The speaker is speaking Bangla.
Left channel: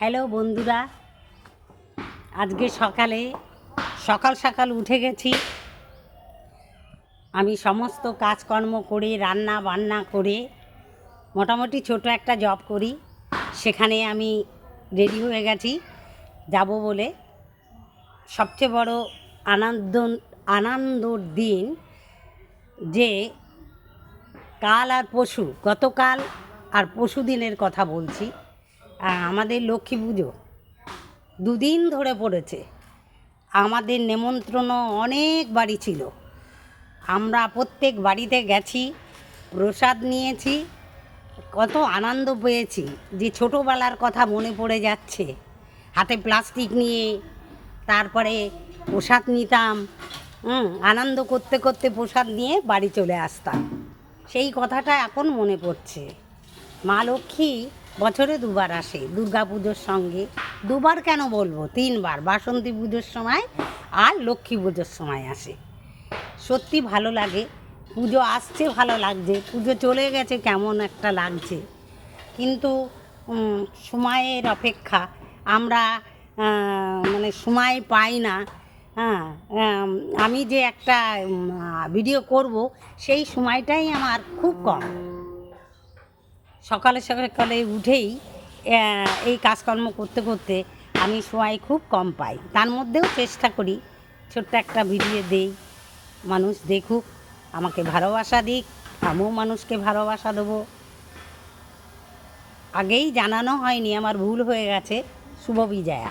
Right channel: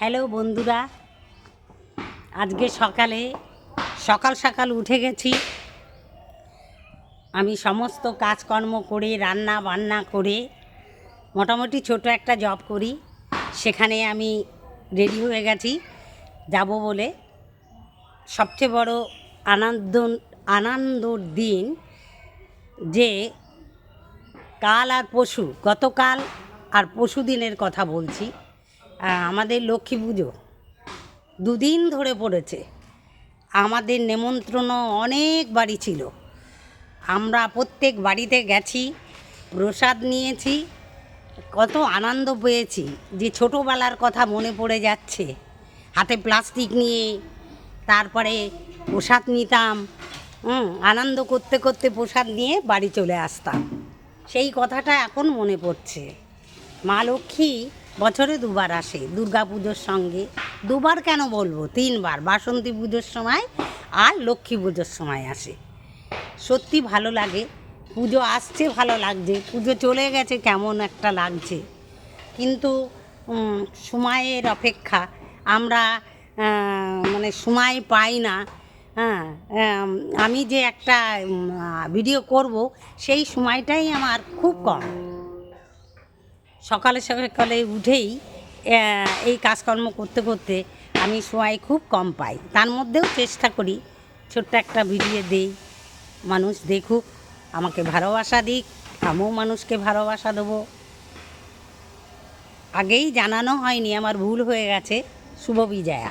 হ্যালো বন্ধুরা, আজকে সকাল সকাল উঠে গেছি। আমি সমস্ত কাজকর্ম করে রান্না বান্না করে মোটামুটি ছোট একটা জব করি, সেখানে আমি রেডি হয়ে গেছি যাব বলে। সবচেয়ে বড় আনন্দর দিন যে কাল আর পরশু, গতকাল আর পরশু দিনের কথা বলছি। আমাদের লক্ষ্মী পুজো দুদিন ধরে পড়েছে। আমাদের নেমন্ত্রণ অনেক বাড়ি ছিল, আমরা প্রত্যেক বাড়িতে গেছি, প্রসাদ নিয়েছি, কত আনন্দ পেয়েছি যে ছোটোবেলার কথা মনে পড়ে যাচ্ছে। হাতে প্লাস্টিক নিয়ে তারপরে প্রসাদ নিতাম, আনন্দ করতে করতে প্রসাদ নিয়ে বাড়ি চলে আসতাম। সেই কথাটা এখন মনে পড়ছে। মা লক্ষ্মী বছরে দুবার আসে, দুর্গা পুজোর সঙ্গে। দুবার কেন বলবো, 3 বার, বাসন্তী পুজোর সময় আর লক্ষ্মী পুজোর সময় আসে। সত্যি ভালো লাগে, পুজো আসছে ভালো লাগছে, পুজো চলে গেছে কেমন একটা লাগছে। কিন্তু সময়ের অপেক্ষা, আমরা মানে সময় পাই না। আমি যে একটা ভিডিও করব সেই সময়টাই আমার খুব কম। সকালে সকালে উঠেই এই কাজকর্ম করতে করতে আমি সময় খুব কম পাই। তার মধ্যেও চেষ্টা করি ছোট্ট একটা ভিডিও দেই, মানুষ দেখুক, আমাকে ভালোবাসা দিক, আমিও মানুষকে ভালোবাসা দেবো। আগেই জানানো হয়নি, আমার ভুল হয়ে গেছে। শুভ বিজয়া।